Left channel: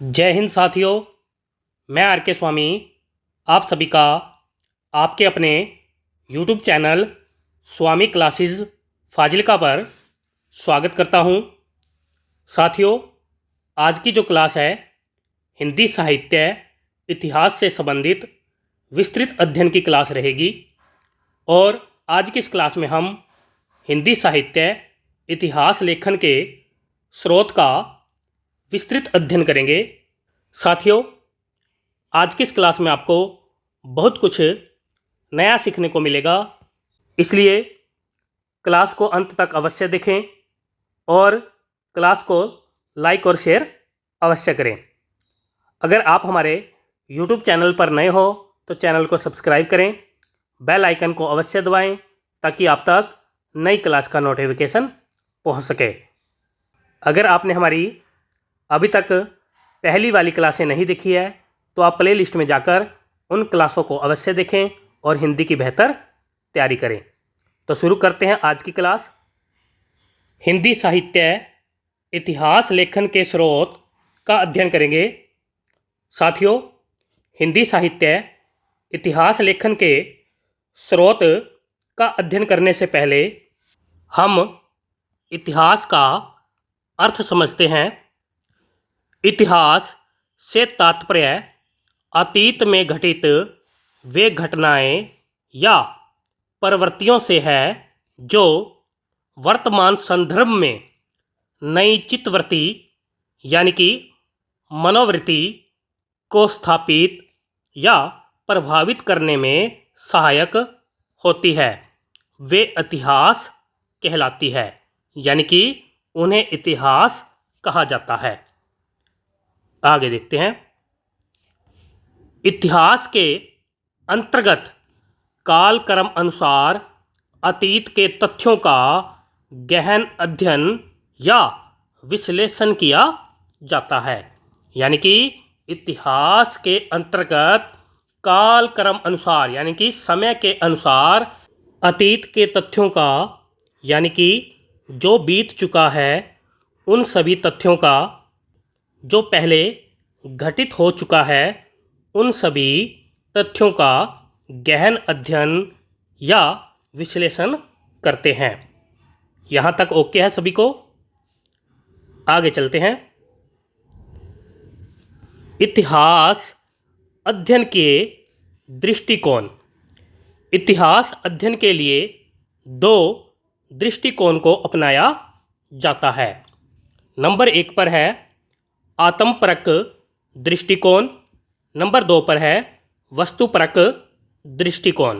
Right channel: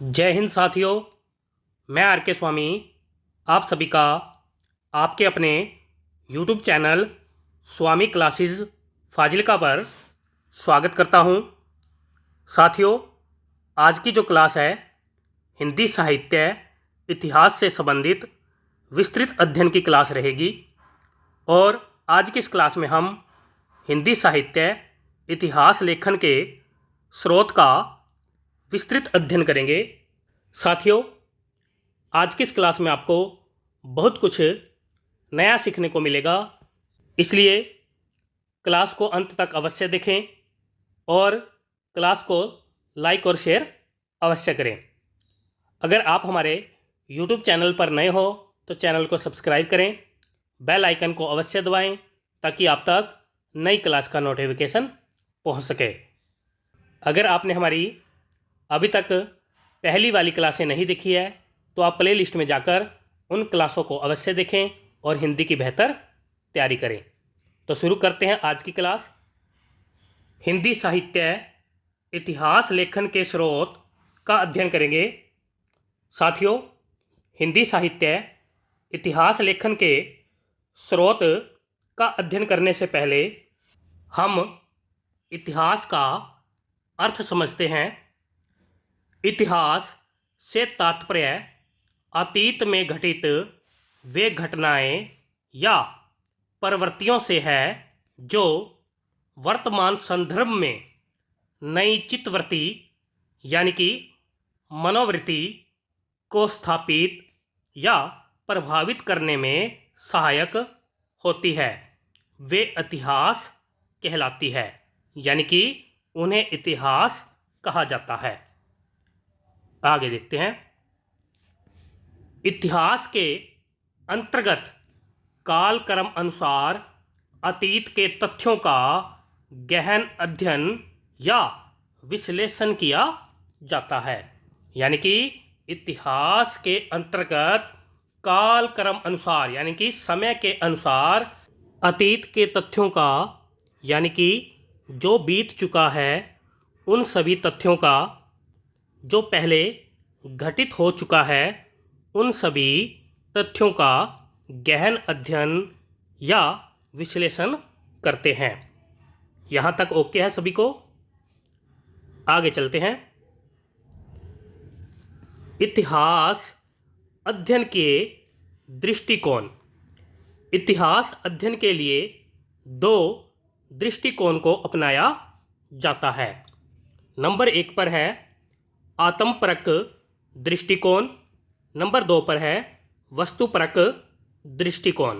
जय हिंद साथियों। मैं आर के स्वामी आप सभी का आपके अपने YouTube चैनल स्वामी क्लासेस फाजिलका पर स्वागत करता हूं। साथियों, आज की जो क्लास है हिंदी साहित्य इतिहास से संबंधित विस्तृत अध्ययन की क्लास रहेगी और आज की इस क्लास में हम हिंदी साहित्य इतिहास लेखन के स्रोत का विस्तृत अध्ययन करेंगे। साथियों, आज की इस क्लास में आपको बहुत कुछ नया सीखने को मिलेगा, इसलिए क्लास को अंत तक अवश्य देखें और क्लास को लाइक और शेयर अवश्य करें। अगर आप हमारे YouTube चैनल पर नए हो तो चैनल को सब्सक्राइब करें, बेल आइकन को अवश्य दबाएं ताकि आप तक नई क्लास का नोटिफिकेशन पहुंच सके। अगर आपने हमारी अभी तक पहली वाली क्लासें नहीं देखी है तो आप प्ले लिस्ट में जाकर उन क्लासों को अवश्य देखें और हिंदी की बेहतर तैयारी करें। तो शुरू करते हैं आज की क्लास। हिंदी साहित्य इतिहास लेखन के स्रोत का अध्ययन करेंगे। साथियों, हिंदी साहित्य इतिहास लेखन के स्रोत का अध्ययन करने से पहले हम इतिहास का अर्थ समझते हैं। इतिहास से तात्पर्य अतीत में घटित वे घटनाएं या प्रवृत्तियों से है जो वर्तमान संदर्भ में नई चित्तवृत्ति यानी कि मनोवृत्ति को स्थापित या प्रभावित करने में सहायक होती है। वे इतिहास कहलाती है, यानी कि उन्हें इतिहास कहा जाता है। आगे देखते हैं। इतिहास के अंतर्गत कालक्रम अनुसार अतीत के तथ्यों का गहन अध्ययन या विश्लेषण किया जाता है, यानी कि इतिहास के अंतर्गत कालक्रम अनुसार यानी कि समय के अनुसार अतीत के तथ्यों का यानी कि जो बीत चुका है उन सभी तथ्यों का, जो पहले घटित हो चुका है उन सभी तथ्यों का गहन अध्ययन या विश्लेषण करते हैं। यहाँ तक ओके है सभी को? आगे चलते हैं। इतिहास अध्ययन के दृष्टिकोण। इतिहास अध्ययन के लिए दो दृष्टिकोण को अपनाया जाता है। नंबर 1 पर है आत्मपरक दृष्टिकोण, नंबर 2 पर है वस्तुपरक दृष्टिकोण।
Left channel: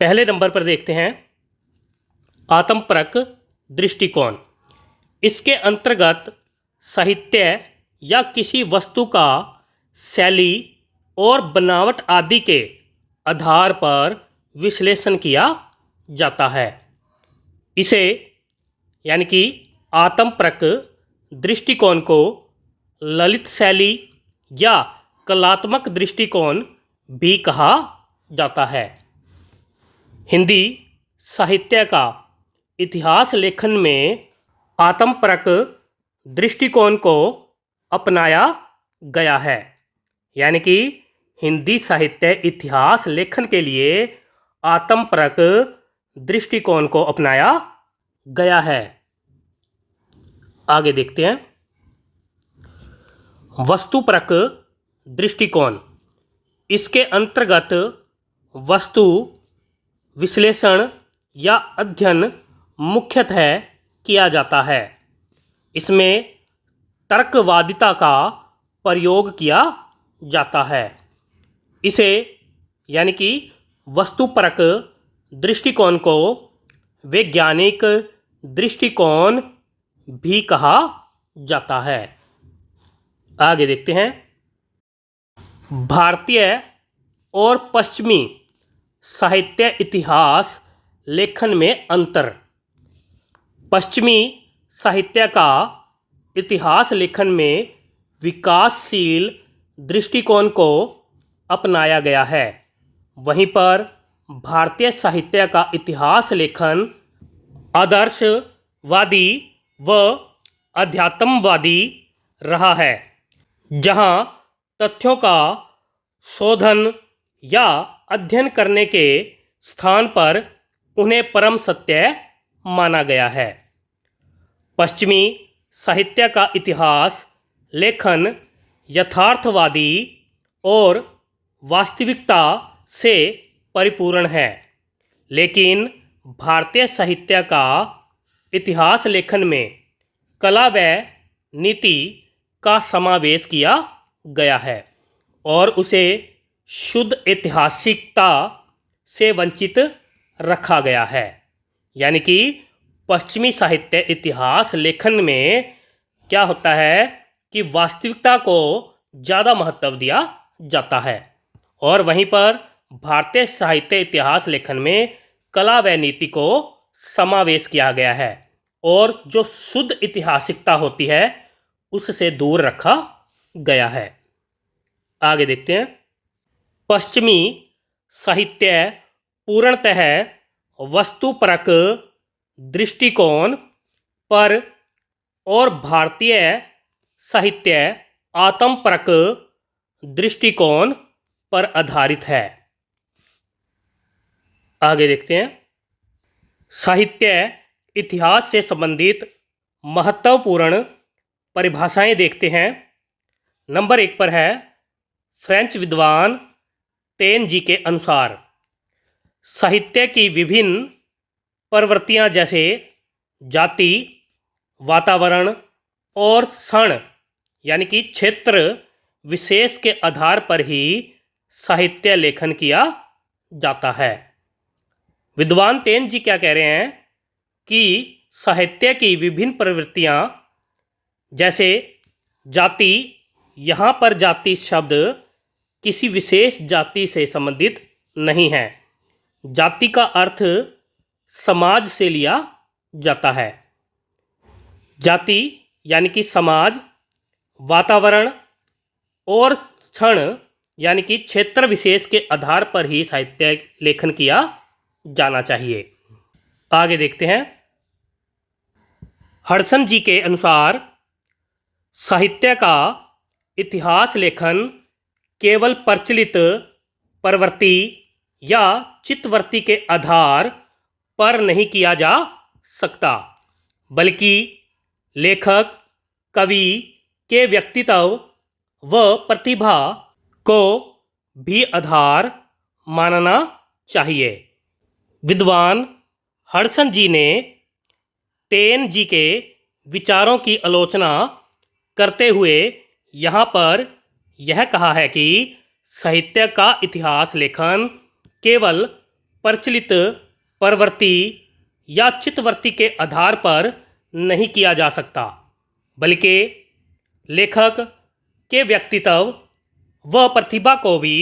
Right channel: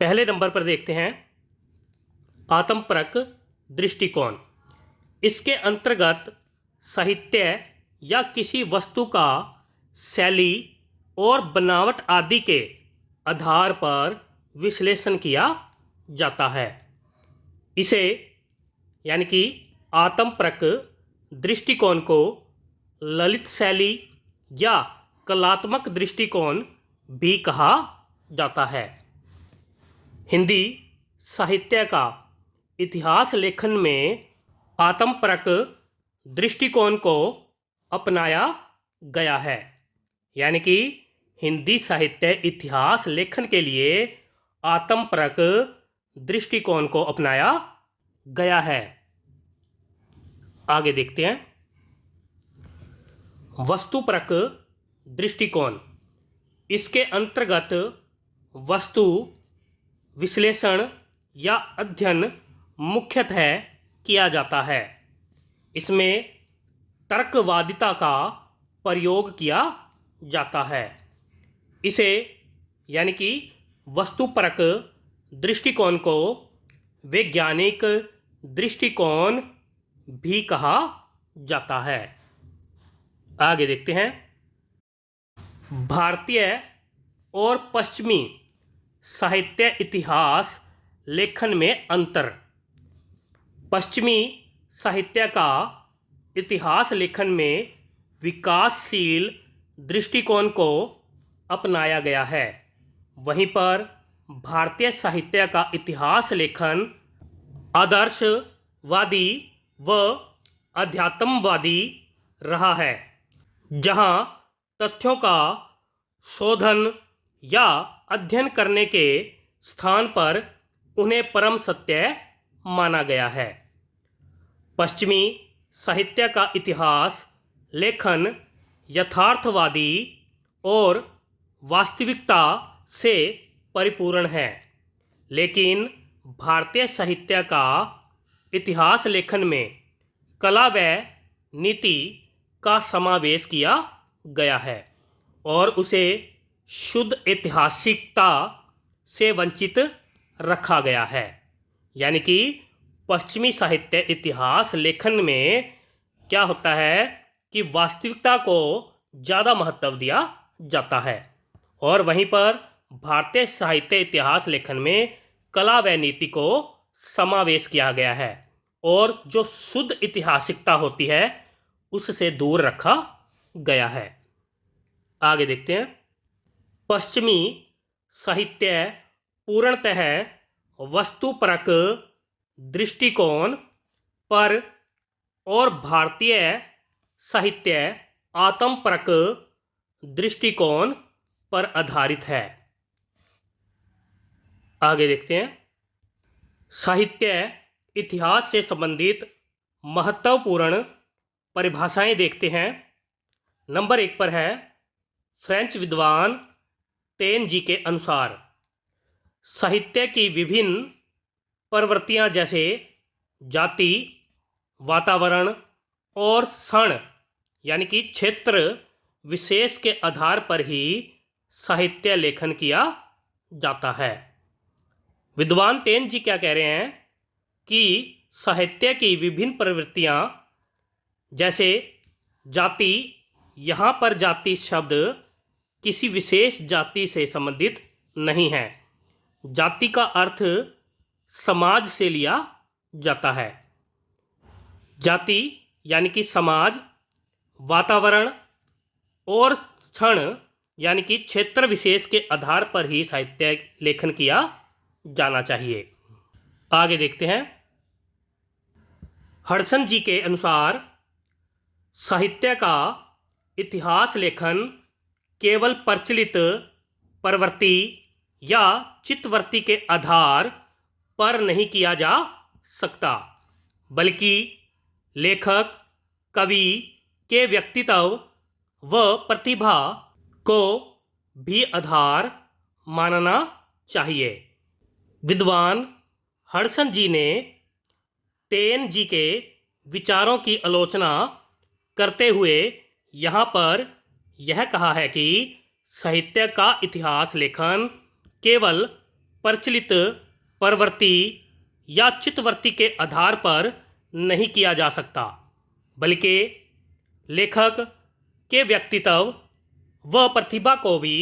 पहले नंबर पर देखते हैं आत्मपरक दृष्टिकोण। इसके अंतर्गत साहित्य या किसी वस्तु का शैली और बनावट आदि के आधार पर विश्लेषण किया जाता है। इसे यानी कि आत्मपरक दृष्टिकोण को ललित शैली या कलात्मक दृष्टिकोण भी कहा जाता है। हिंदी साहित्य का इतिहास लेखन में आत्मपरक दृष्टिकोण को अपनाया गया है, यानी कि हिंदी साहित्य इतिहास लेखन के लिए आत्मपरक दृष्टिकोण को अपनाया गया है। आगे देखते हैं। वस्तुपरक दृष्टिकोण। इसके अंतर्गत वस्तु विश्लेषण या अध्ययन मुख्यतः किया जाता है। इसमें तर्कवादिता का प्रयोग किया जाता है। इसे यानी कि वस्तुपरक दृष्टिकोण को वैज्ञानिक दृष्टिकोण भी कहा जाता है। आगे देखते हैं। भारतीय और पश्चिमी साहित्य इतिहास लेखन में अंतर। पश्चिमी साहित्य का इतिहास लेखन में विकासशील दृष्टिकोण को अपनाया गया है, वहीं पर भारतीय साहित्य का इतिहास लेखन आदर्शवादी व अध्यात्मवादी रहा है, जहां तथ्यों का शोधन या अध्ययन करने के स्थान पर उन्हें परम सत्य माना गया है। पश्चिमी साहित्य का इतिहास लेखन यथार्थवादी और वास्तविकता से परिपूर्ण है, लेकिन भारतीय साहित्य का इतिहास लेखन में कला व नीति का समावेश किया गया है और उसे शुद्ध ऐतिहासिकता से वंचित रखा गया है। यानी कि पश्चिमी साहित्य इतिहास लेखन में क्या होता है कि वास्तविकता को ज़्यादा महत्व दिया जाता है, और वहीं पर भारतीय साहित्य इतिहास लेखन में कला व नीति को समावेश किया गया है और जो शुद्ध ऐतिहासिकता होती है उससे दूर रखा गया है। आगे देखते हैं। पश्चिमी साहित्य पूर्णतः वस्तुपरक दृष्टिकोण पर और भारतीय साहित्य आत्मपरक दृष्टिकोण पर आधारित है। आगे देखते हैं। साहित्य इतिहास से संबंधित महत्वपूर्ण परिभाषाएं देखते हैं। नंबर 1 पर है फ्रेंच विद्वान टेन जी के अनुसार साहित्य की विभिन्न प्रवृत्तियां जैसे जाति, वातावरण और क्षण यानी कि क्षेत्र विशेष के आधार पर ही साहित्य लेखन किया जाता है। विद्वान टेन जी क्या कह रहे हैं कि साहित्य की विभिन्न प्रवृत्तियां जैसे जाति, यहाँ पर जाति शब्द किसी विशेष जाति से संबंधित नहीं है, जाति का अर्थ समाज से लिया जाता है। जाति यानी कि समाज, वातावरण और क्षण यानी कि क्षेत्र विशेष के आधार पर ही साहित्य लेखन किया जाना चाहिए। आगे देखते हैं। हडसन जी के अनुसार साहित्य का इतिहास लेखन केवल प्रचलित प्रवृत्ति या चित्तवृत्ति के आधार पर नहीं किया जा सकता, बल्कि लेखक, कवि के व्यक्तित्व व प्रतिभा को भी आधार मानना चाहिए। विद्वान हडसन जी ने टेन जी के विचारों की आलोचना करते हुए यहाँ पर यह कहा है कि साहित्य का इतिहास लेखन केवल प्रचलित प्रवृत्ति या चित्तवृत्ति के आधार पर नहीं किया जा सकता, बल्कि लेखक के व्यक्तित्व व प्रतिभा को भी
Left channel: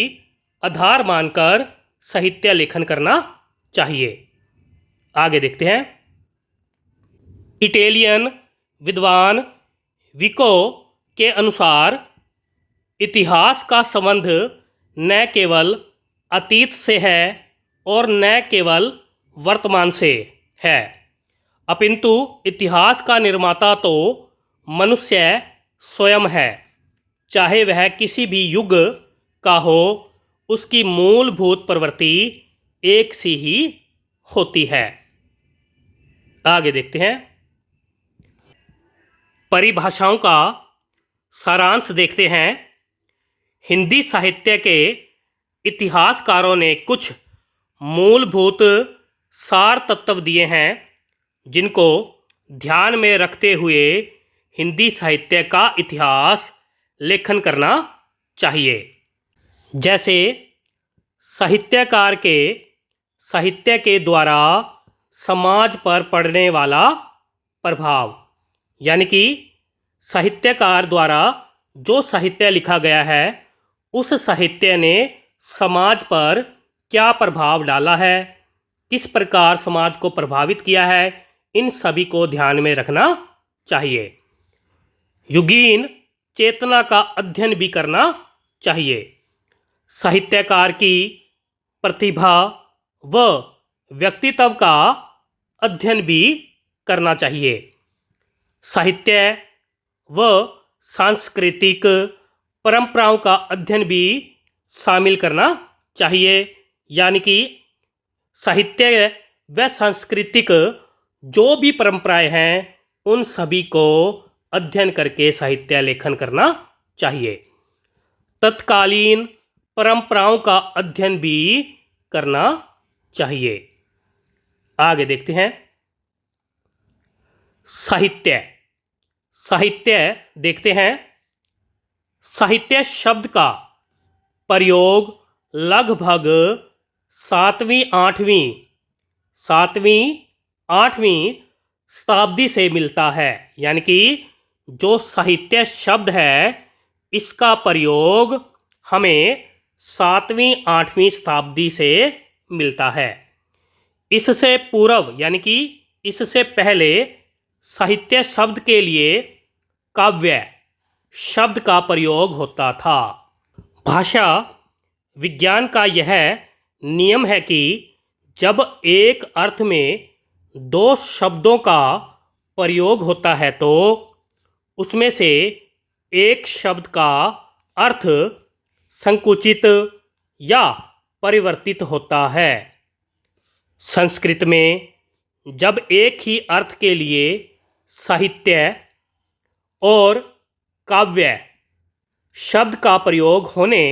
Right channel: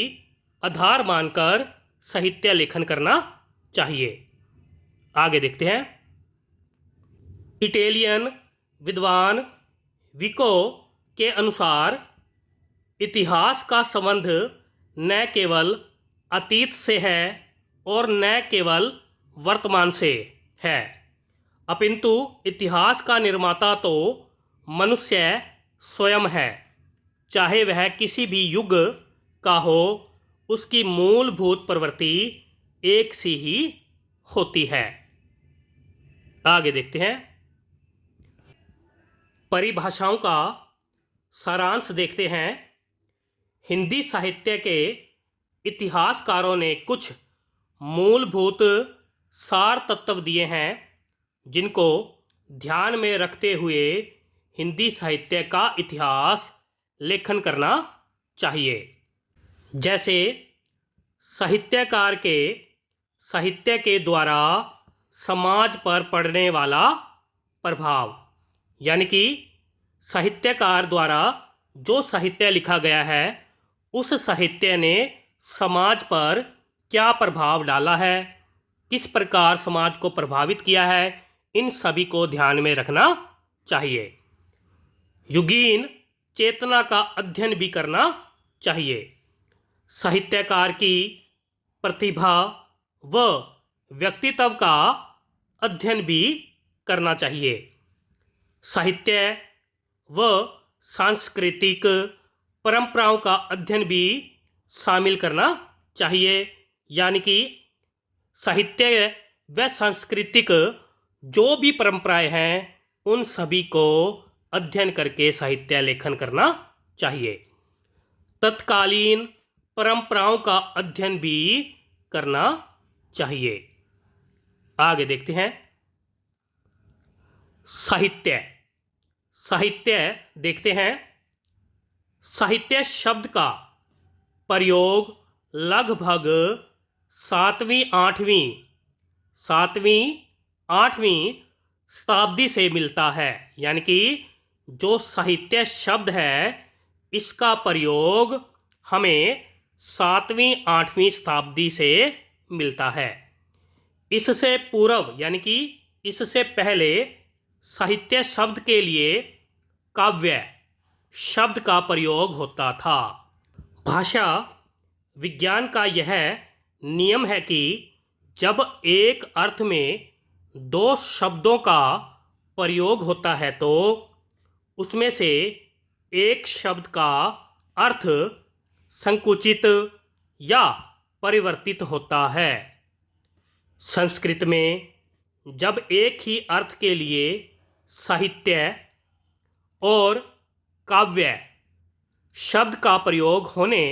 आधार मानकर साहित्य लेखन करना चाहिए। आगे देखते हैं। इटालियन विद्वान विको के अनुसार इतिहास का संबंध न केवल अतीत से है और न केवल वर्तमान से है, अपिंतु इतिहास का निर्माता तो मनुष्य स्वयं है, चाहे वह किसी भी युग का हो, उसकी मूलभूत प्रवृत्ति एक सी ही होती है। आगे देखते हैं। परिभाषाओं का सारांश देखते हैं। हिंदी साहित्य के इतिहासकारों ने कुछ मूलभूत सार तत्व दिए हैं जिनको ध्यान में रखते हुए हिंदी साहित्य का इतिहास लेखन करना चाहिए। जैसे साहित्यकार के साहित्य के द्वारा समाज पर पड़ने वाला प्रभाव, यानी कि साहित्यकार द्वारा जो साहित्य लिखा गया है उस साहित्य ने समाज पर क्या प्रभाव डाला है, किस प्रकार समाज को प्रभावित किया है, इन सभी को ध्यान में रखना चाहिए। युगीन चेतना का अध्ययन भी करना चाहिए। साहित्यकार की प्रतिभा व व्यक्तित्व का अध्ययन भी करना चाहिए। साहित्य व सांस्कृतिक परंपराओं का अध्ययन भी शामिल करना चाहिए। यानी कि साहित्य व सांस्कृतिक जो भी परंपराएं हैं उन सभी को अध्ययन करके साहित्य लेखन करना चाहिए। तत्कालीन परंपराओं का अध्ययन भी करना चाहिए। आगे देखते हैं। साहित्य साहित्य देखते हैं। साहित्य शब्द का प्रयोग लगभग सातवीं आठवीं शताब्दी से मिलता है। यानी कि जो साहित्य शब्द है इसका प्रयोग हमें 7वीं 8वीं शताब्दी से मिलता है। इससे पूर्व यानी कि इससे पहले साहित्य शब्द के लिए काव्य शब्द का प्रयोग होता था। भाषा विज्ञान का यह नियम है कि जब एक अर्थ में दो शब्दों का प्रयोग होता है तो उसमें से एक शब्द का अर्थ संकुचित या परिवर्तित होता है। संस्कृत में जब एक ही अर्थ के लिए साहित्य और काव्य शब्द का प्रयोग होने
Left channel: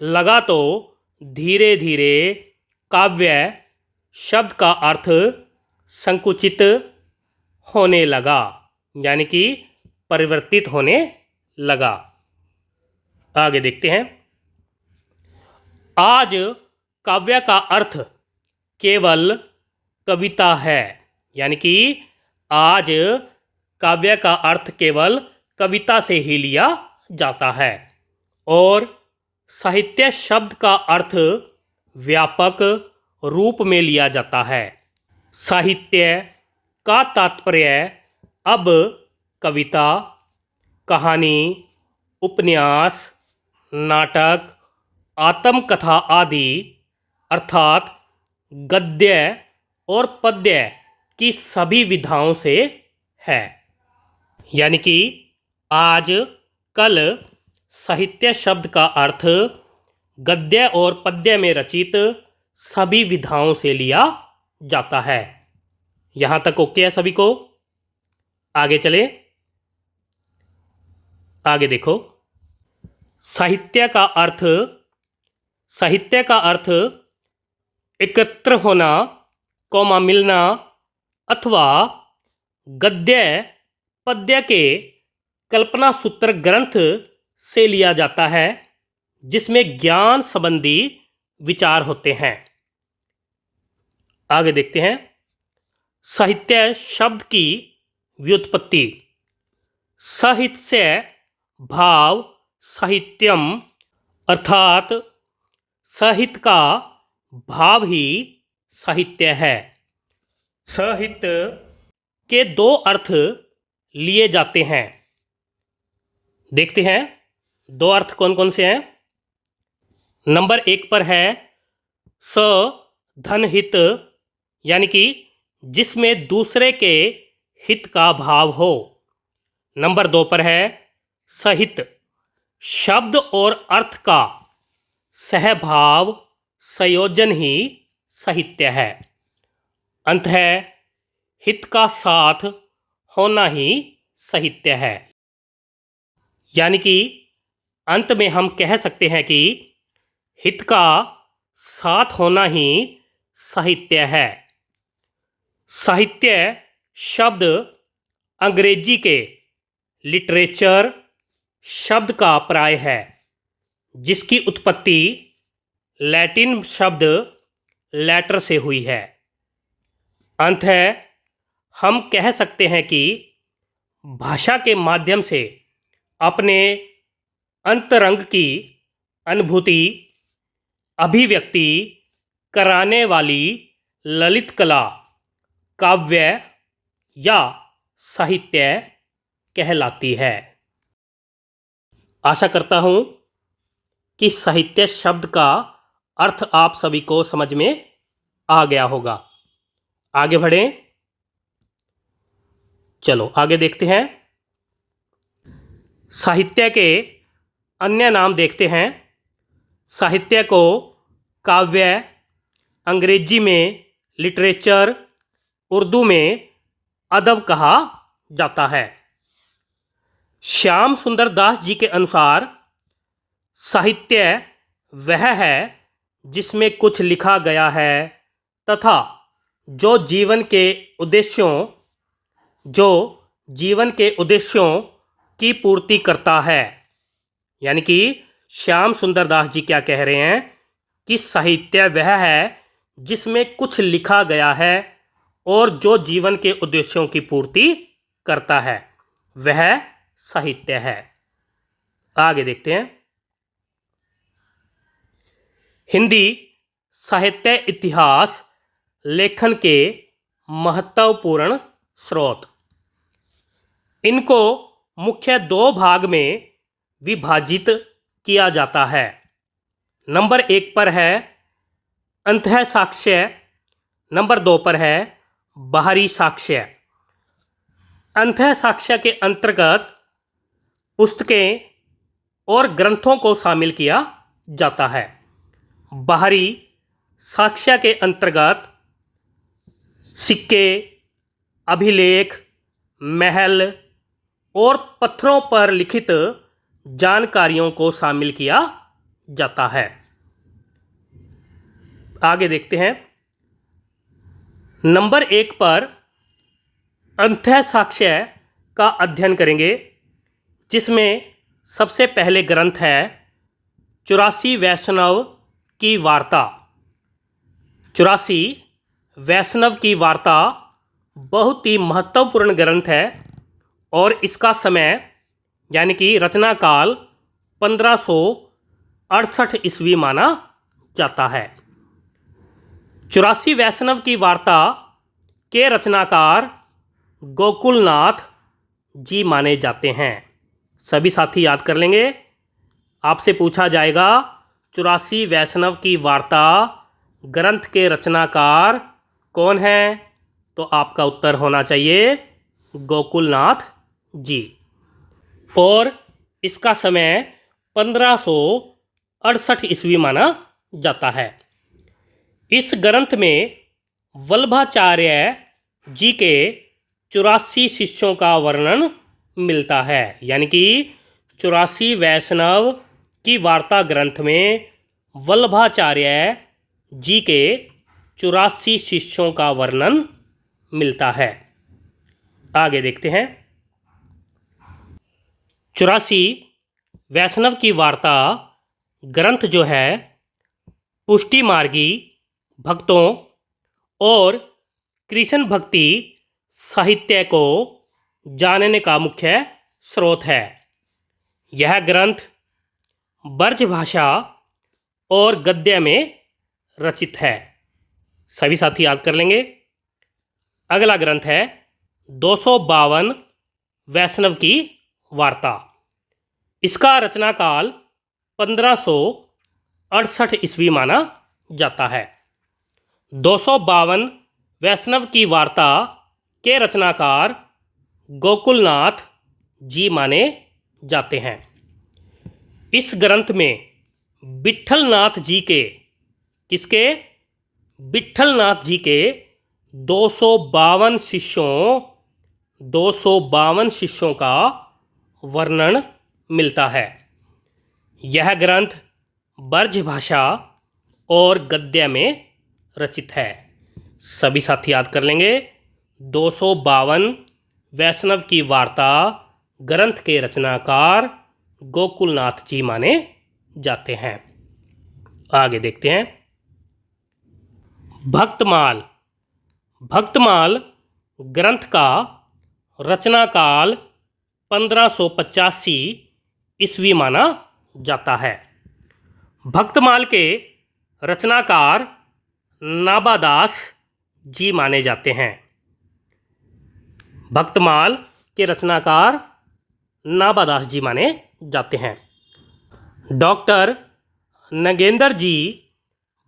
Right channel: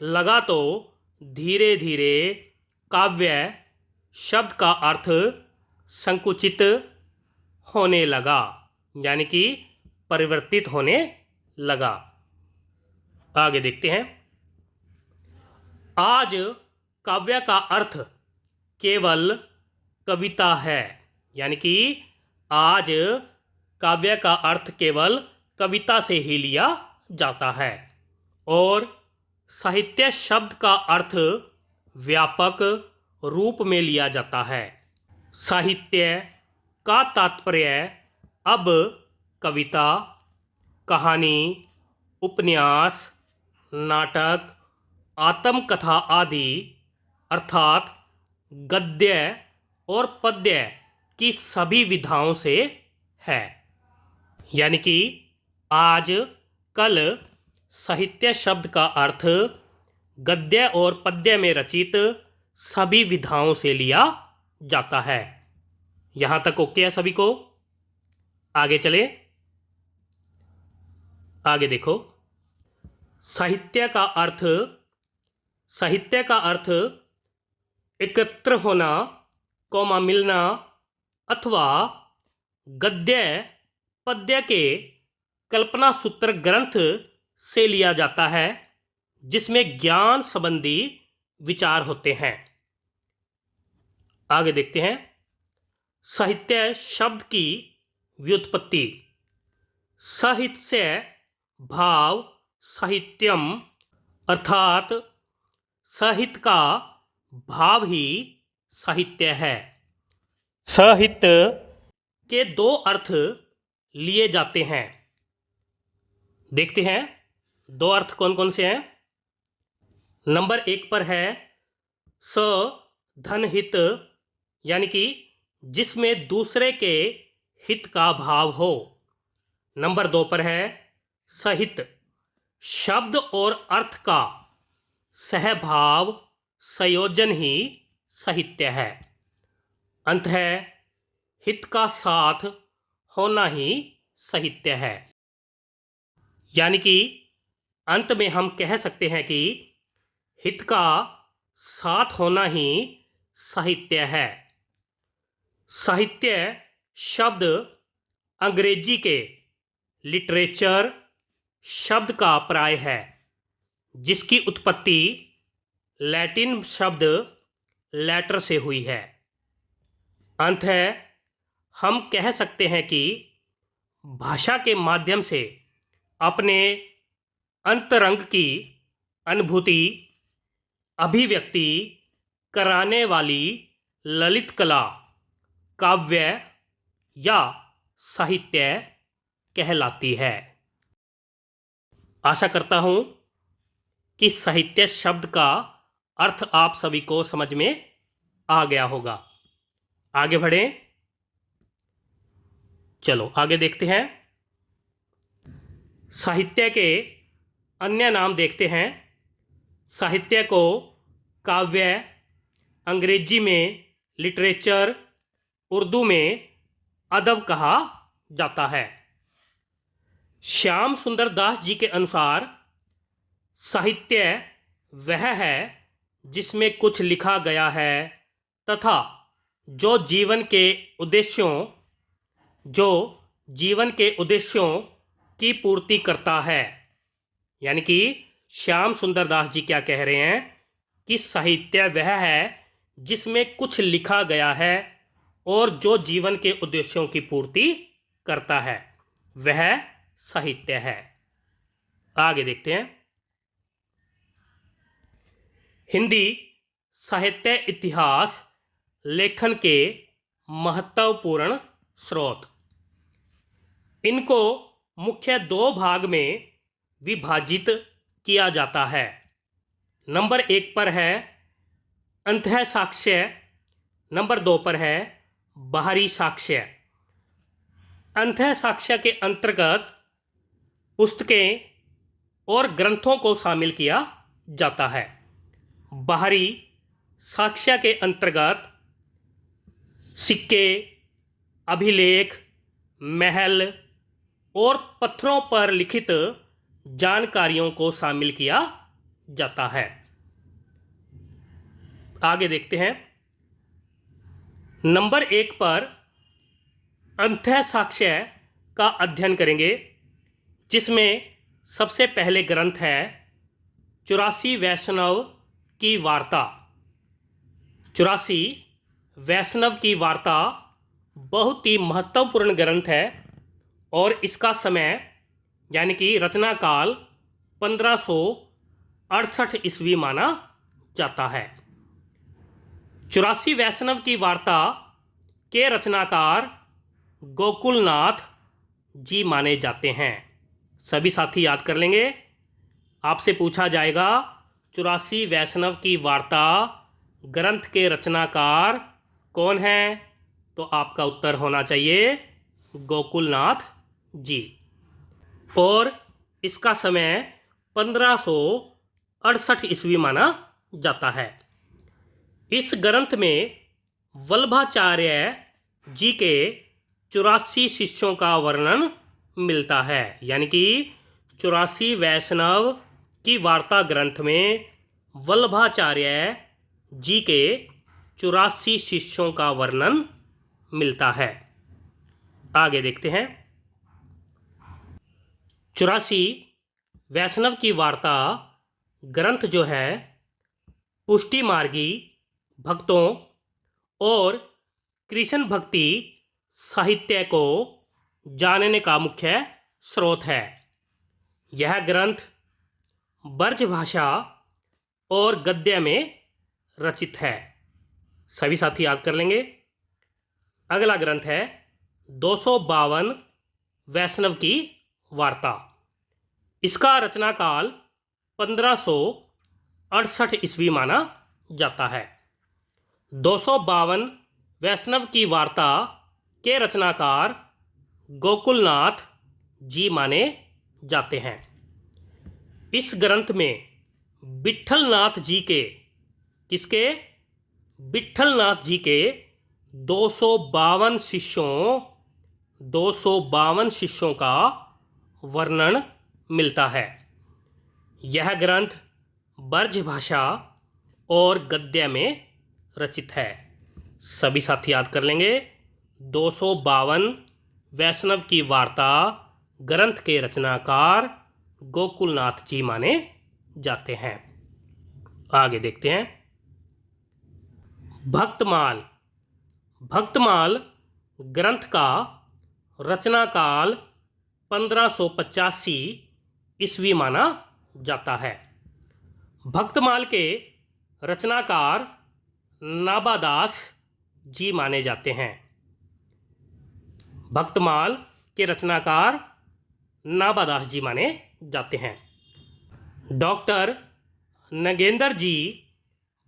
लगा तो धीरे धीरे काव्य शब्द का अर्थ संकुचित होने लगा, यानी कि परिवर्तित होने लगा। आगे देखते हैं। आज काव्य का अर्थ केवल कविता है। यानी कि आज काव्य का अर्थ केवल कविता से ही लिया जाता है और साहित्य शब्द का अर्थ व्यापक रूप में लिया जाता है। साहित्य का तात्पर्य अब कविता, कहानी, उपन्यास, नाटक, आत्मकथा आदि अर्थात गद्य और पद्य की सभी विधाओं से है। यानी कि आज कल साहित्य शब्द का अर्थ गद्य और पद्य में रचित सभी विधाओं से लिया जाता है। यहाँ तक ओके है सभी को? आगे चले। आगे देखो। साहित्य का अर्थ एकत्र होना, कौमा मिलना अथवा गद्य पद्य के कल्पना सूत्र ग्रंथ से लिया जाता है जिसमें ज्ञान संबंधी विचार होते हैं। आगे देखते हैं। साहित्य शब्द की व्युत्पत्ति। साहित्य भाव साहित्यम अर्थात साहित्य का भाव ही साहित्य है। साहित्य के दो अर्थ लिए जाते हैं। देखते हैं दो अर्थ कौन कौन से हैं। नंबर 1 पर है धनहित, यानी कि जिसमें दूसरे के हित का भाव हो। नंबर 2 पर है सहित, शब्द और अर्थ का सहभाव संयोजन ही साहित्य है। अंत है हित का साथ होना ही साहित्य है। यानी कि अंत में हम कह सकते हैं कि हित का साथ होना ही साहित्य है। साहित्य शब्द अंग्रेजी के लिटरेचर शब्द का पर्याय है जिसकी उत्पत्ति लैटिन शब्द लैटर से हुई है। अंत है हम कह सकते हैं कि भाषा के माध्यम से अपने अंतरंग की अनुभूति अभिव्यक्ति कराने वाली ललित कला काव्य या साहित्य कहलाती है। आशा करता हूँ कि साहित्य शब्द का अर्थ आप सभी को समझ में आ गया होगा। आगे बढ़ें। चलो आगे देखते हैं। साहित्य के अन्य नाम देखते हैं। साहित्य को काव्य, अंग्रेजी में लिटरेचर, उर्दू में अदब कहा जाता है। श्याम सुंदर दास जी के अनुसार साहित्य वह है जिसमें कुछ लिखा गया है तथा जो जीवन के उद्देश्यों की पूर्ति करता है। यानी कि श्याम सुंदर दास जी क्या कह रहे हैं कि साहित्य वह है जिसमें कुछ लिखा गया है और जो जीवन के उद्देश्यों की पूर्ति करता है, वह साहित्य है। आगे देखते हैं। हिंदी साहित्य इतिहास लेखन के महत्वपूर्ण स्रोत। इनको मुख्य दो भाग में विभाजित किया जाता है। नंबर 1 पर है अंतः साक्ष्य, नंबर 2 पर है बाहरी साक्ष्य। अंतः साक्ष्य के अंतर्गत पुस्तकें और ग्रंथों को शामिल किया जाता है। बाहरी साक्ष्य के अंतर्गत सिक्के, अभिलेख, महल और पत्थरों पर लिखित जानकारियों को शामिल किया जाता है। आगे देखते हैं। नंबर 1 पर अंतः साक्ष्य का अध्ययन करेंगे, जिसमें सबसे पहले ग्रंथ है 84 वैष्णव की वार्ता। 84 वैष्णव की वार्ता बहुत ही महत्वपूर्ण ग्रंथ है और इसका समय यानी कि रचना काल 1568 ईस्वी माना जाता है। 84 वैष्णव की वार्ता के रचनाकार गोकुलनाथ जी माने जाते हैं। सभी साथी याद कर लेंगे। आपसे पूछा जाएगा 84 वैष्णव की वार्ता ग्रंथ के रचनाकार कौन हैं, तो आपका उत्तर होना चाहिए गोकुलनाथ जी। और इसका समय 1568 ईस्वी माना जाता है। इस ग्रंथ में वल्लभाचार्य जी के 84 शिष्यों का वर्णन मिलता है। यानी कि 84 वैष्णव की वार्ता ग्रंथ में वल्लभाचार्य जी के 84 शिष्यों का वर्णन मिलता है। आगे देखते हैं। 84 वैष्णव की वार्ता ग्रंथ जो है पुष्टि मार्गी भक्तों और कृष्ण भक्ति साहित्य को जानने का मुख्य स्रोत है। यह ग्रंथ ब्रज भाषा और गद्य में रचित है। सभी साथी याद कर लेंगे। अगला ग्रंथ है 252 वैष्णव की वार्ता। इसका रचना काल 1568 ईस्वी माना जाता है। 252 वैष्णव की वार्ता के रचनाकार गोकुलनाथ जी माने जाते हैं। इस ग्रंथ में विट्ठलनाथ जी के विट्ठलनाथ जी के 252 शिष्यों का वर्णन मिलता है। यह ग्रंथ ब्रज भाषा और गद्य में रचित है। सभी साथी याद कर लेंगे। 252 वैष्णव की वार्ता ग्रंथ के रचनाकार गोकुलनाथ जी माने जाते हैं। आगे देखते हैं। भक्तमाल ग्रंथ का रचना काल 1585 ईस्वी माना जाता है। भक्तमाल के रचनाकार नाबादास जी माने जाते हैं। भक्तमाल के रचनाकार नाबादास जी माने जाते हैं। डॉक्टर नगेंद्र जी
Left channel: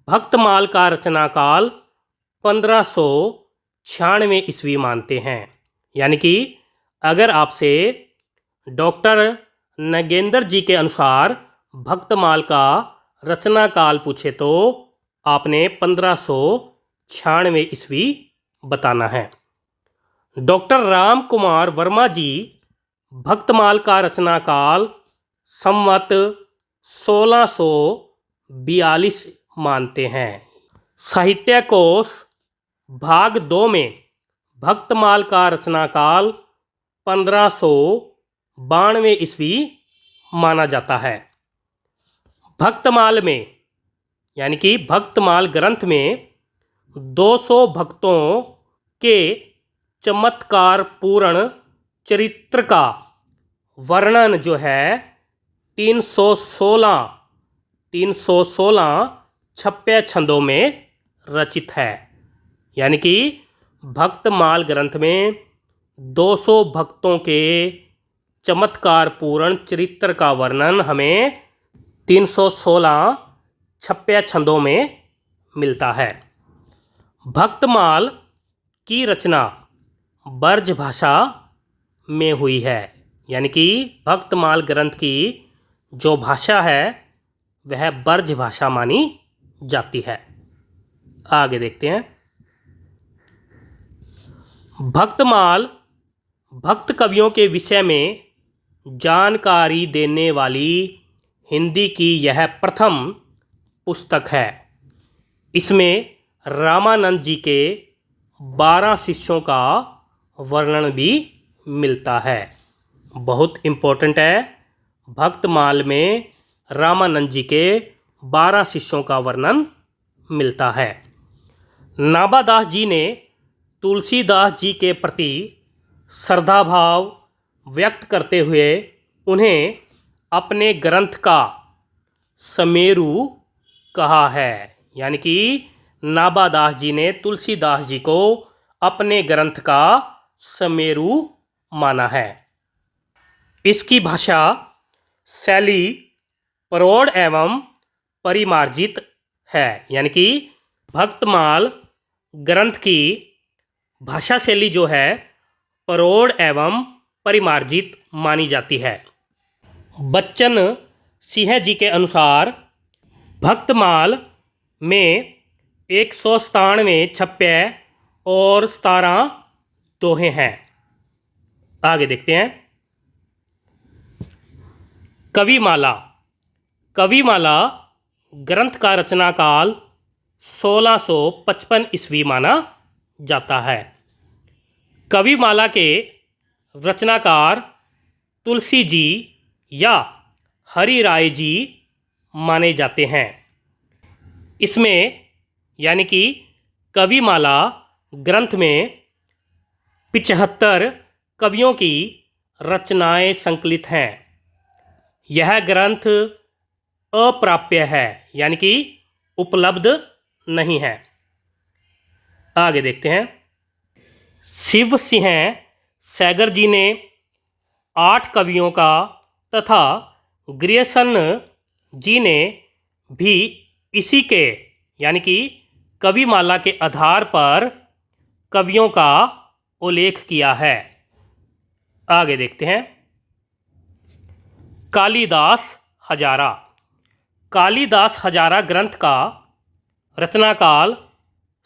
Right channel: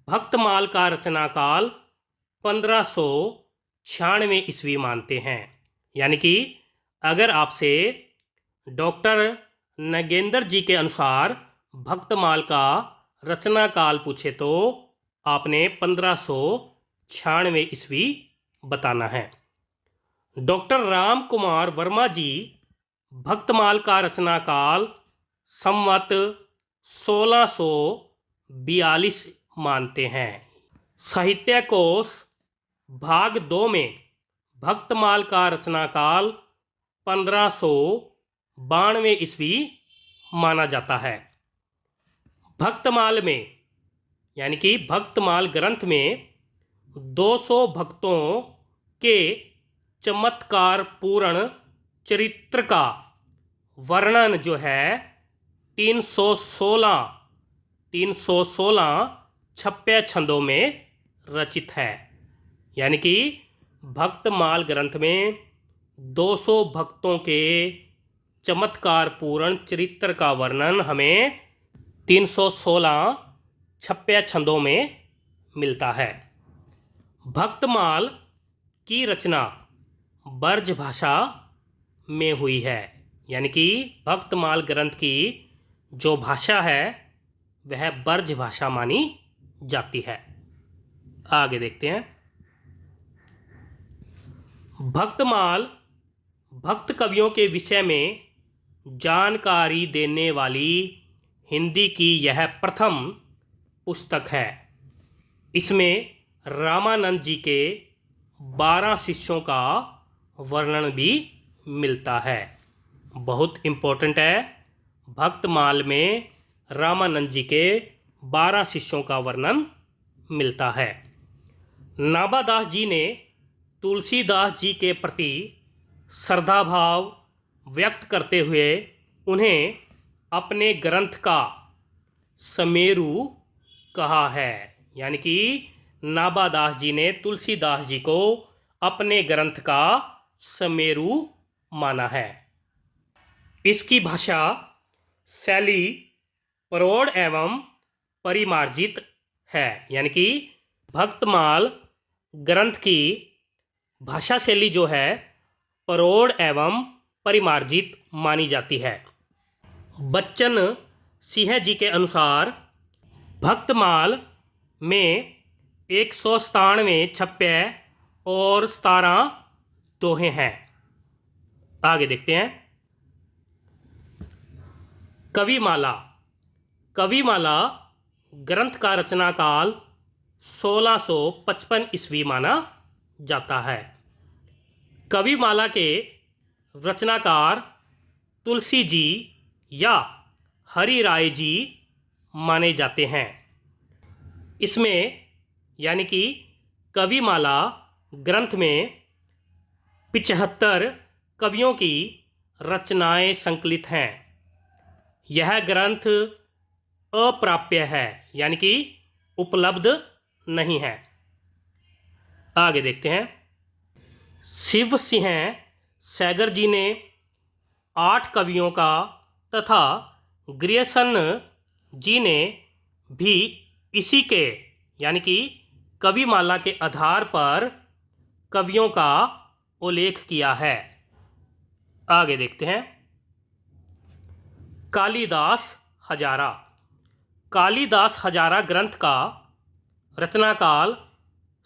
भक्तमाल का रचनाकाल 1596 ईस्वी मानते हैं। यानी कि अगर आपसे डॉक्टर नगेंद्र जी के अनुसार भक्तमाल का रचना काल पूछे तो आपने 1596 ईस्वी बताना है। डॉक्टर राम कुमार वर्मा जी भक्तमाल का रचना काल संवत 1642 मानते हैं। साहित्य कोश भाग 2 में भक्तमाल का रचना काल 1592 ईस्वी माना जाता है। भक्तमाल में यानी कि भक्तमाल ग्रंथ में 200 भक्तों के चमत्कार पूर्ण चरित्र का वर्णन जो है 316 छप्पे छंदों में रचित है। यानी कि भक्तमाल ग्रंथ में 200 भक्तों के चमत्कार पूर्ण चरित्र का वर्णन हमें 316 छप्पे छंदों में मिलता है। भक्तमाल की रचना ब्रज भाषा में हुई है। यानी कि भक्तमाल ग्रंथ की जो भाषा है वह ब्रज भाषा मानी जाती है। आगे देखते हैं। भक्तमाल भक्त कवियों के विषय में जानकारी देने वाली हिंदी की यह प्रथम पुस्तक है। इसमें रामानंद जी के 12 शिष्यों का वर्णन भी मिलता है। बहुत इम्पोर्टेंट है। भक्तमाल में रामानंद जी के 12 शिष्यों का वर्णन मिलता है। नाभादास जी ने तुलसीदास जी के प्रति श्रद्धा भाव व्यक्त करते हुए उन्हें अपने ग्रंथ का समेरु कहा है। यानी कि नाभादास जी ने तुलसीदास जी को अपने ग्रंथ का समेरु माना है। इसकी भाषा शैली प्रौढ़ एवं परिमार्जित है। यानी कि भक्तमाल ग्रंथ की भाषा शैली जो है प्रौढ़ एवं परिमार्जित मानी जाती है। बच्चन सिंह जी के अनुसार भक्तमाल में 197 छप्पे और 17 दोहे हैं। आगे देखते हैं। कविमाला ग्रंथ का रचना काल 1655 ईस्वी माना जाता है। कविमाला के रचनाकार तुलसी जी या हरि राय जी माने जाते हैं। इसमें यानी कि कविमाला ग्रंथ में 75 कवियों की रचनाएं संकलित हैं। यह ग्रंथ अप्राप्य है यानी कि उपलब्ध नहीं है। आगे देखते हैं। शिव सिंह सैगर जी ने 8 कवियों का तथा ग्रियर्सन जी ने भी इसी के यानी कि कविमाला के आधार पर कवियों का उल्लेख किया है। आगे देखते हैं। कालिदास हजारा ग्रंथ का रचनाकाल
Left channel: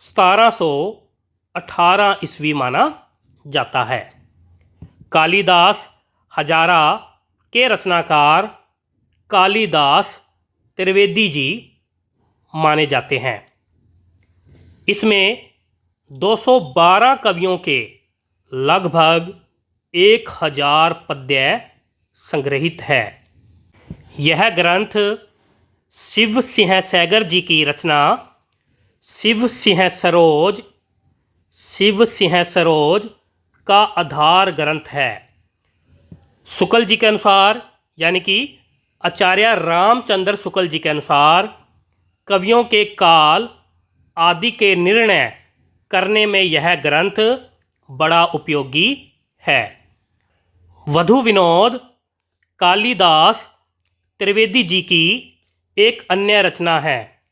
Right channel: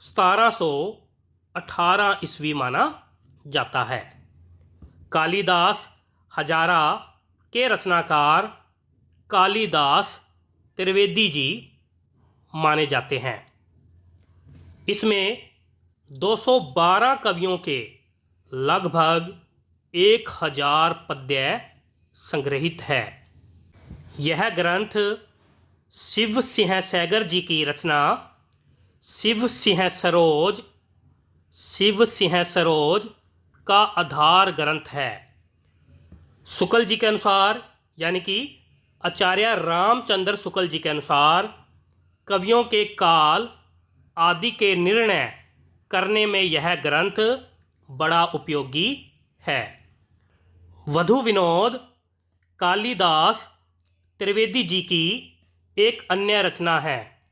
1718 ईस्वी माना जाता है। कालिदास हजारा के रचनाकार कालिदास त्रिवेदी जी माने जाते हैं। इसमें 212 कवियों के लगभग 1000 पद्य संग्रहित है। यह ग्रंथ शिव सिंह सैगर जी की रचना शिव सिंह सरोज का आधार ग्रंथ है। शुक्ल जी के अनुसार यानी कि आचार्य रामचंद्र शुक्ल जी के अनुसार कवियों के काल आदि के निर्णय करने में यह ग्रंथ बड़ा उपयोगी है। वधु विनोद कालिदास त्रिवेदी जी की एक अन्य रचना है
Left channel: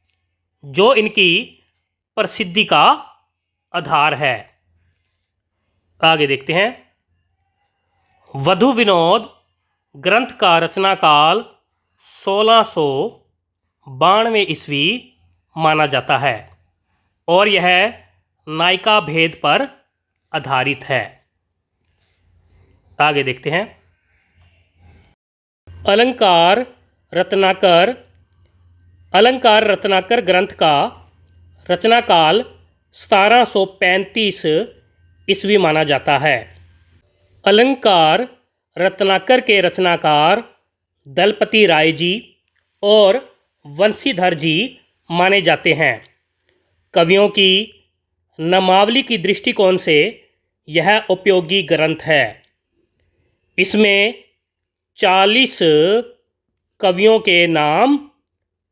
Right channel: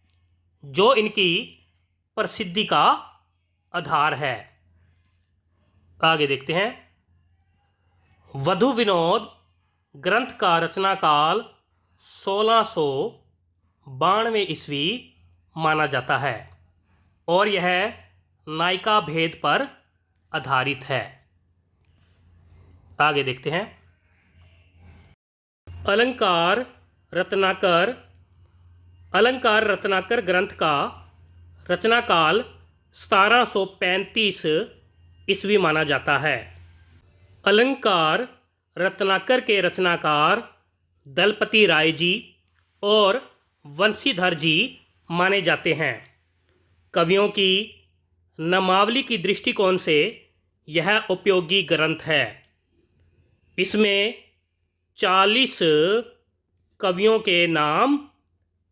जो इनकी प्रसिद्धि का आधार है। आगे देखते हैं। वधु विनोद ग्रंथ का रचना काल 1692 ईस्वी माना जाता है और यह नायिका भेद पर आधारित है। आगे देखते हैं। अलंकार रत्नाकर। अलंकार रत्नाकर ग्रंथ का रचना काल 1735 ईस्वी माना जाता है। अलंकार रत्नाकर के रचनाकार दलपति राय जी और वंशीधर जी माने जाते हैं। कवियों की नामावली की दृष्टिकोण से यह उपयोगी ग्रंथ है। इसमें 40 कवियों के नाम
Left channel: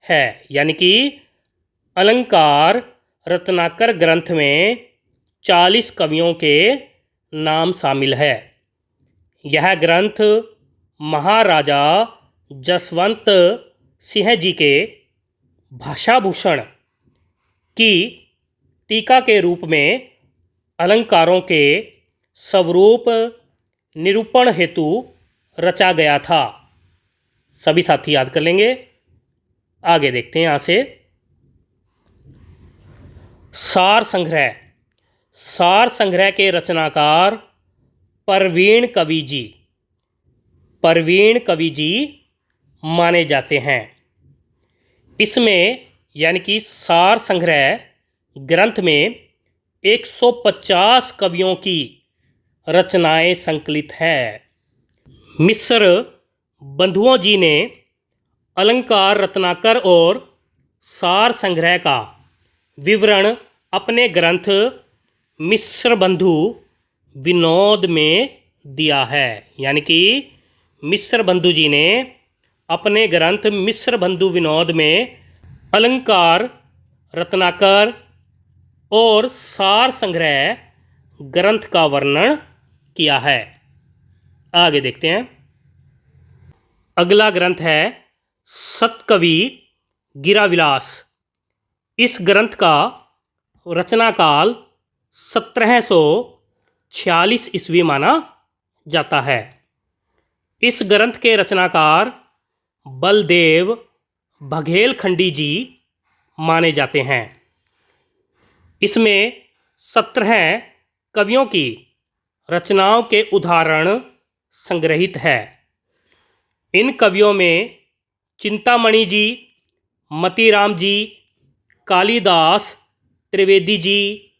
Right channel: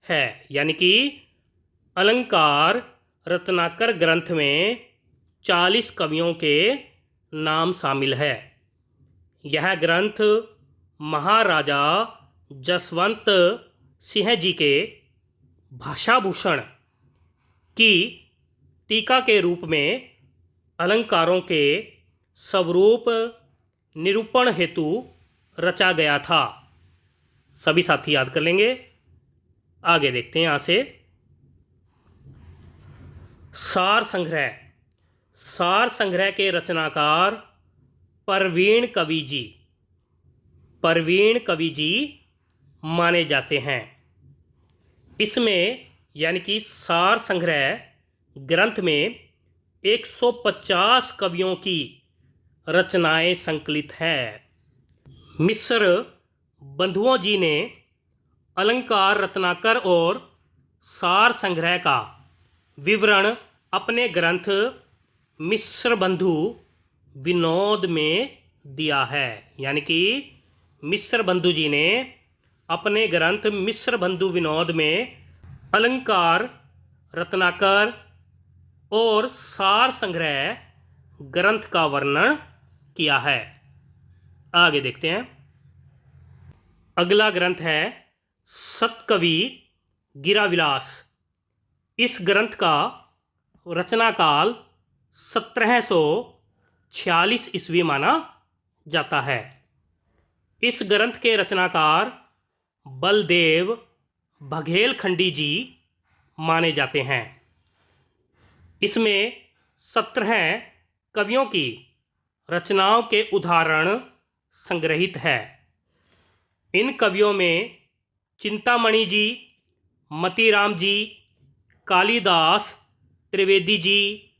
है, यानी कि अलंकार रत्नाकर ग्रंथ में 40 कवियों के नाम शामिल है। यह ग्रंथ महाराजा जसवंत सिंह जी के भाषाभूषण की टीका के रूप में अलंकारों के स्वरूप निरूपण हेतु रचा गया था। सभी साथी याद कर लेंगे। आगे देखते हैं यहाँ से। सार संग्रह। सार संग्रह के रचनाकार परवीण कवि जी। परवीण कवि जी माने जाते हैं। इसमें यानी कि सार संग्रह ग्रंथ में 150 कवियों की रचनाएं संकलित है। मिश्र बंधुओं जी ने अलंकार रत्नाकर और सार संग्रह का विवरण अपने ग्रंथ मिश्र बंधु विनोद में दिया है। यानी कि मिश्र बंधु जी ने अपने ग्रंथ मिश्र बंधु विनोद में अलंकार रत्नाकर और सार संग्रह ग्रंथ का वर्णन किया है। आगे देखते हैं। अगला ग्रंथ है सतकवि गिराविलास। इस ग्रंथ का रचना काल 1746 ईस्वी माना जाता है। इस ग्रंथ के रचनाकार बलदेव बघेलखंडी जी माने जाते हैं। इसमें 17 कवियों की रचनाओं के उदाहरण संग्रहित है। इन कवियों में चिंतामणि जी, मतीराम जी, कालिदास त्रिवेदी जी,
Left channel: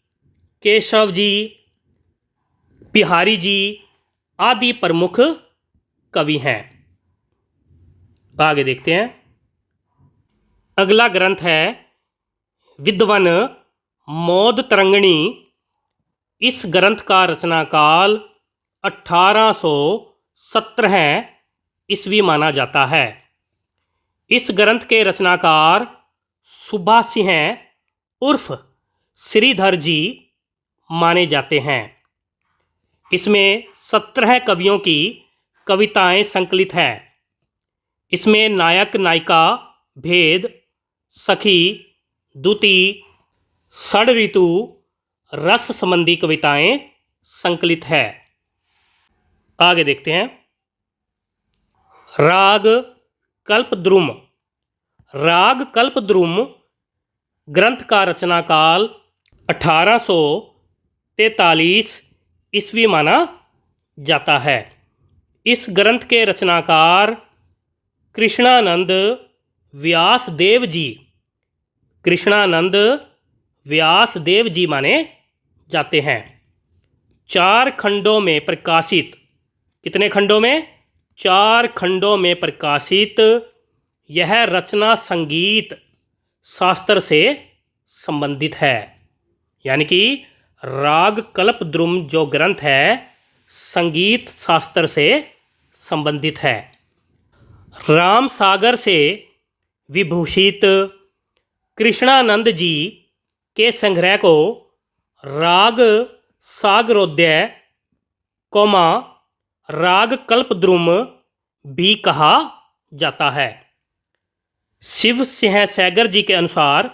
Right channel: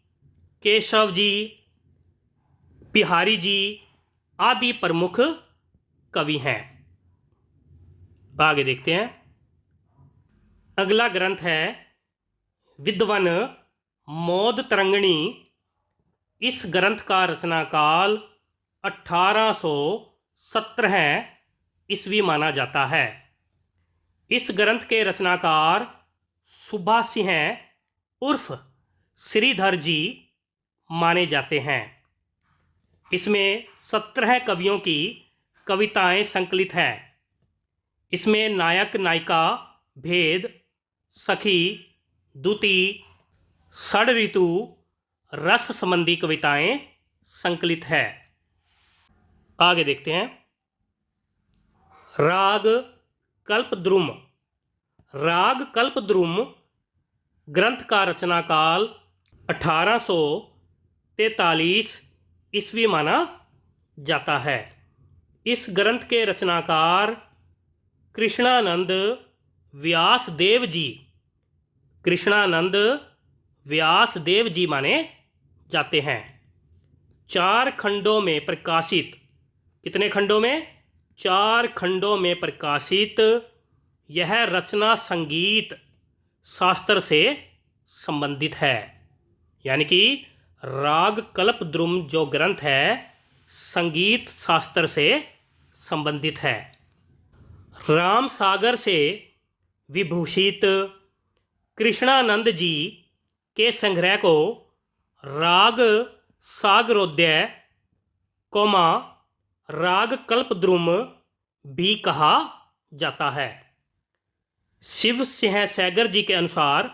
केशव जी, बिहारी जी आदि प्रमुख कवि हैं। आगे देखते हैं। अगला ग्रंथ है विद्वन मोद तरंगिणी। इस ग्रंथ का रचनाकाल 1817 ईस्वी माना जाता है। इस ग्रंथ के रचनाकार सुबा सिंह उर्फ श्रीधर जी माने जाते हैं। इसमें 17 कवियों की कविताएं संकलित हैं। इसमें नायक नायिका भेद, सखी, दुती, षड ऋतु, रस संबंधी कविताएं संकलित है। आगे देखते हैं। राग कल्पद्रुम। राग कल्पद्रुम ग्रंथ का रचनाकाल 1843 ईस्वी माना जाता है। इस ग्रंथ के रचनाकार कृष्णानंद व्यासदेव जी। कृष्णानंद व्यासदेव जी माने जाते हैं। 4 खंडों में प्रकाशित। कितने खंडों में? 4 खंडों में प्रकाशित यह रचना संगीत शास्त्र से संबंधित है। यानी कि राग कल्पद्रुम जो ग्रंथ है संगीत शास्त्र से संबंधित है। राम सागर से विभूषित कृष्णानंद जी के संग्रह को राग सागरोदय कोमा राग कल्पद्रुम भी कहा जाता है। शिव सिंह सैगर जी के अनुसार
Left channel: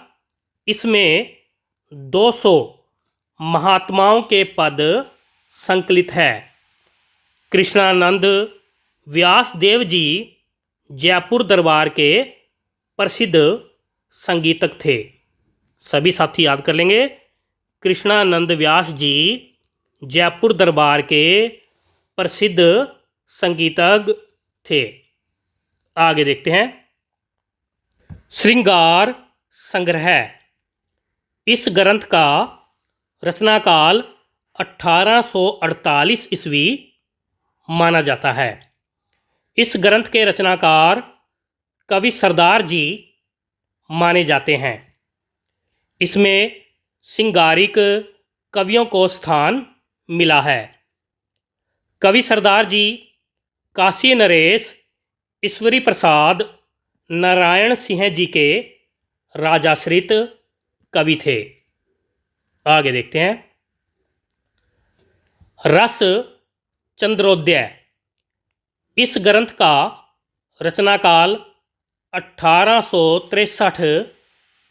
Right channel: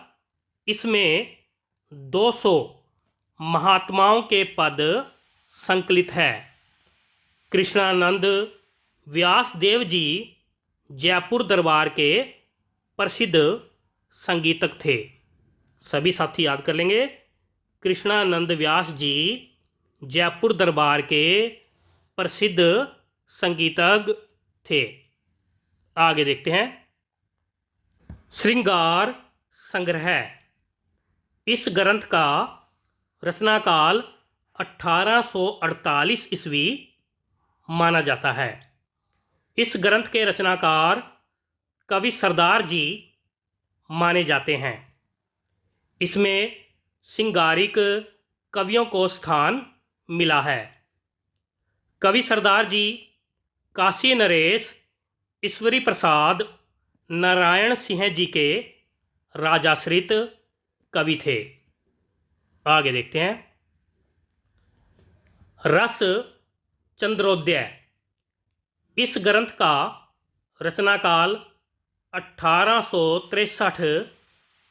इसमें 200 महात्माओं के पद संकलित है। कृष्णानंद, व्यासदेव जी जयपुर दरबार के प्रसिद्ध संगीतक थे। सभी साथी याद कर लेंगे। कृष्णानंद व्यास जी जयपुर दरबार के प्रसिद्ध संगीतज्ञ थे। आगे देखते हैं। श्रृंगार संग्रह, इस ग्रंथ का रचनाकाल 1848 ईस्वी माना जाता है। इस ग्रंथ के रचनाकार कवि सरदार जी माने जाते हैं। इसमें श्रृंगारिक कवियों को स्थान मिला है। कवि सरदार जी काशी नरेश, ईश्वरी प्रसाद, नारायण सिंह जी के राजाश्रित कवि थे। आगे देखते हैं। रस चंद्रोदय, इस ग्रंथ का रचनाकाल 1863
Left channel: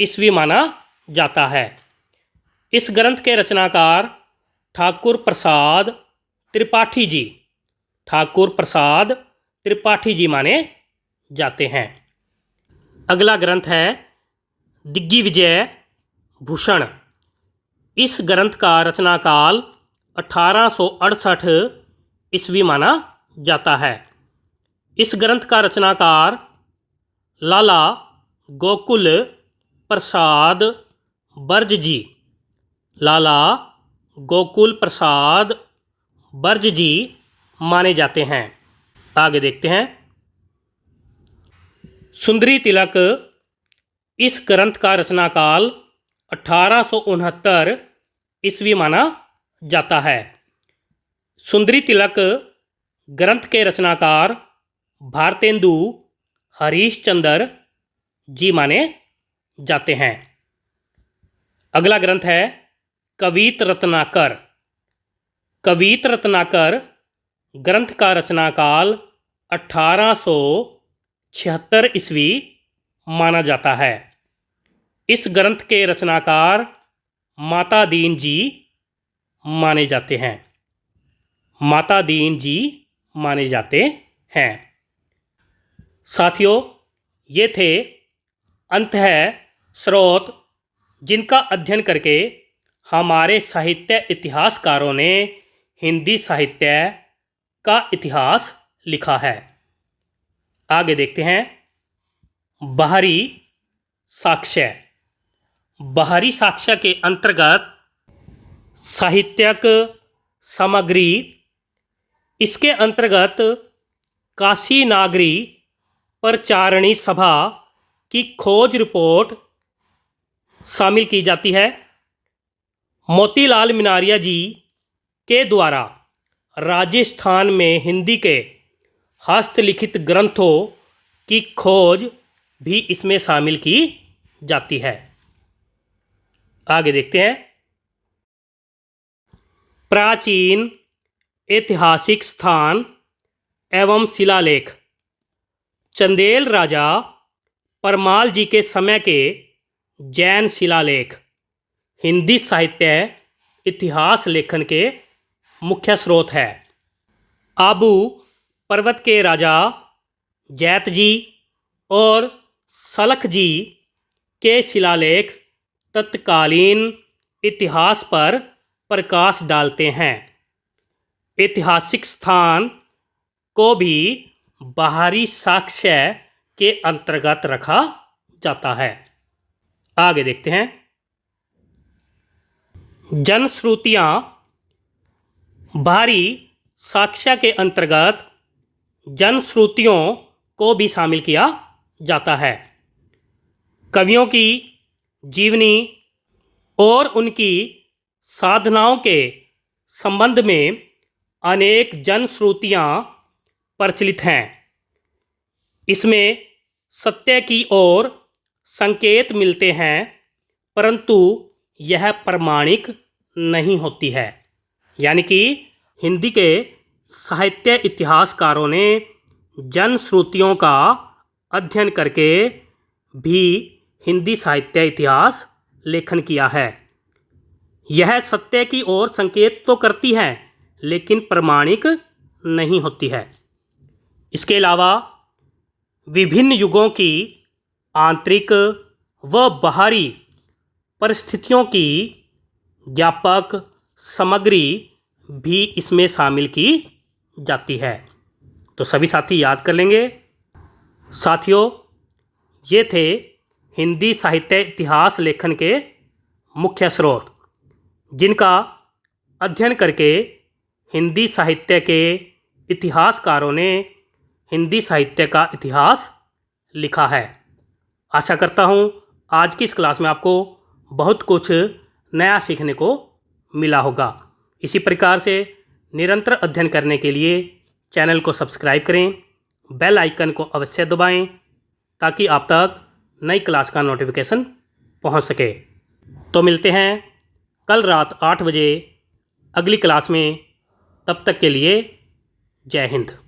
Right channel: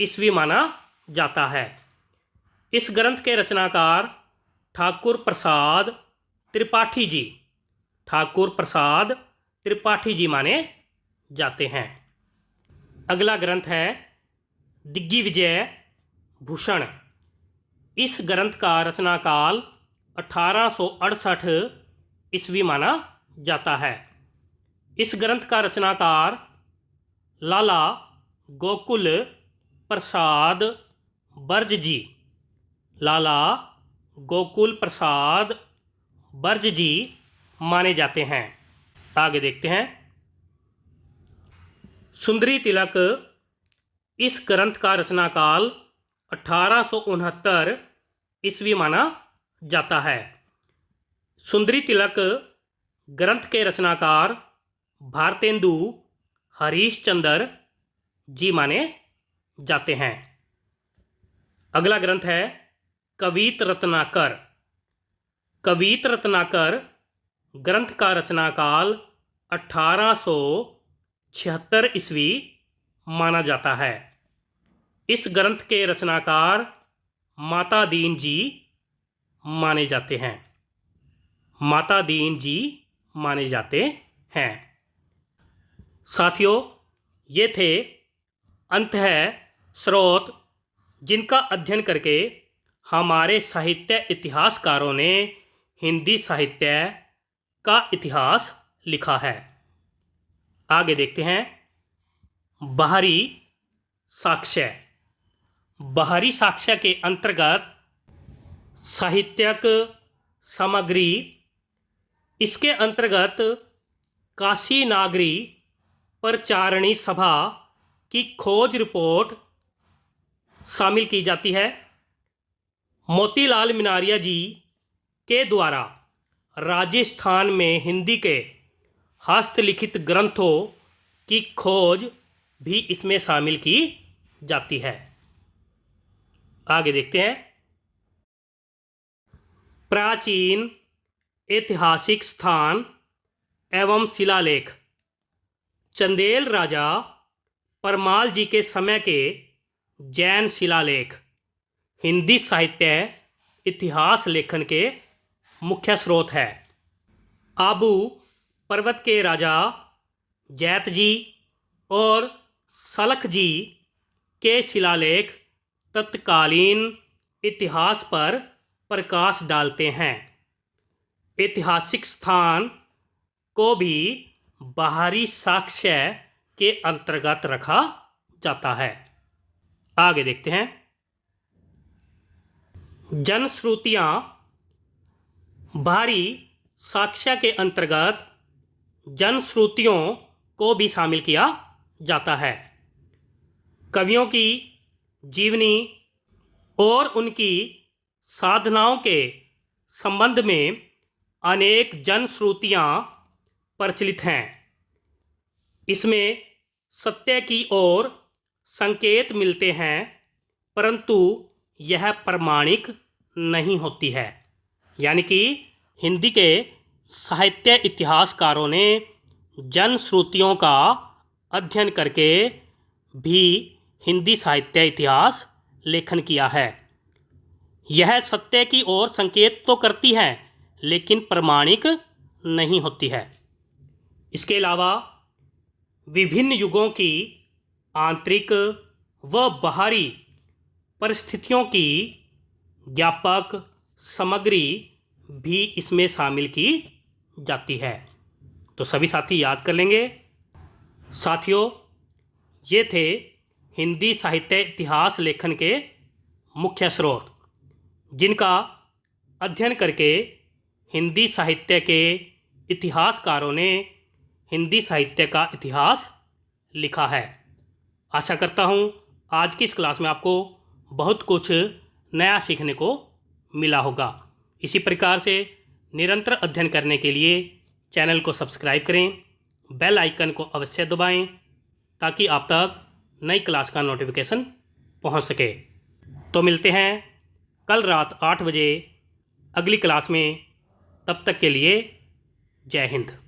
ईस्वी माना जाता है। इस ग्रंथ के रचनाकार ठाकुर प्रसाद त्रिपाठी जी माने जाते हैं। अगला ग्रंथ है दिग्विजय भूषण। इस ग्रंथ का रचनाकाल 1868 ईस्वी माना जाता है। इस ग्रंथ का रचनाकार लाला गोकुल प्रसाद बर्ज जी माने जाते हैं। आगे देखते हैं। सुंदरी तिलक, इस ग्रंथ का रचनाकाल 1869 ईस्वी माना जाता है। सुंदरी तिलक ग्रंथ के रचनाकार भारतेंदु हरीशचंद्र जी माने जाते हैं। अगला ग्रंथ है कवित रत्नाकर। कवित रत्नाकर ग्रंथ का रचनाकाल 1876 ईस्वी माना जाता है। इस ग्रंथ के रचनाकार माता दीन जी माने जाते हैं। साथियों, ये थे अंतः स्रोत जिनका अध्ययन करके हमारे साहित्य इतिहासकारों ने हिंदी साहित्य का इतिहास लिखा है। आगे देखते हैं। बाहरी साक्ष्य। बाहरी साक्ष्य के अंतर्गत साहित्यक सामग्री, इसके अंतर्गत काशी नागरी प्रचारणी सभा की खोज रिपोर्ट शामिल की जाती है। मोतीलाल मीनारिया जी के द्वारा राजस्थान में हिंदी के हस्तलिखित ग्रंथों की खोज भी इसमें शामिल की जाती है। आगे देखते हैं। प्राचीन ऐतिहासिक स्थान एवं शिलालेख। चंदेल राजा परमाल जी के समय के जैन शिलालेख हिंदी साहित्य इतिहास लेखन के मुख्य स्रोत है। आबू पर्वत के राजा जैत जी और सलख जी के शिलालेख तत्कालीन इतिहास पर प्रकाश डालते हैं। ऐतिहासिक स्थान को भी बाहरी साक्ष्य के अंतर्गत रखा जाता है। आगे देखते हैं। जनश्रुतियाँ बाहरी साक्ष्य के अंतर्गत जनश्रुतियों को भी शामिल किया जाता है। कवियों की जीवनी और उनकी साधनाओं के संबंध में अनेक जनश्रुतियाँ प्रचलित हैं। इसमें सत्य की ओर संकेत मिलते हैं, परंतु यह प्रमाणिक नहीं होती है। यानी कि हिंदी के साहित्य इतिहासकारों ने जनश्रुतियों का अध्ययन करके भी हिंदी साहित्य इतिहास लेखन किया है। यह सत्य की ओर संकेत तो करती है, लेकिन प्रमाणिक नहीं होती है। इसके अलावा विभिन्न युगों की आंतरिक व बाहरी परिस्थितियों की ज्ञापक सामग्री भी इसमें शामिल की जाती है। तो सभी साथी याद कर लेंगे। साथियों, ये थे हिंदी साहित्य इतिहास लेखन के मुख्य स्रोत, जिनका अध्ययन करके हिंदी साहित्य के इतिहासकारों ने हिंदी साहित्य का इतिहास लिखा है। आशा करता हूँ आज की इस क्लास में आपको बहुत कुछ नया सीखने को मिला होगा। इसी प्रकार से निरंतर अध्ययन करने के लिए चैनल को सब्सक्राइब करें, बेल आइकन को अवश्य दबाएं ताकि आप तक नई क्लास का नोटिफिकेशन पहुंच सके। तो मिलते हैं कल रात 8 बजे अगली क्लास में। तब तक के लिए जय हिंद।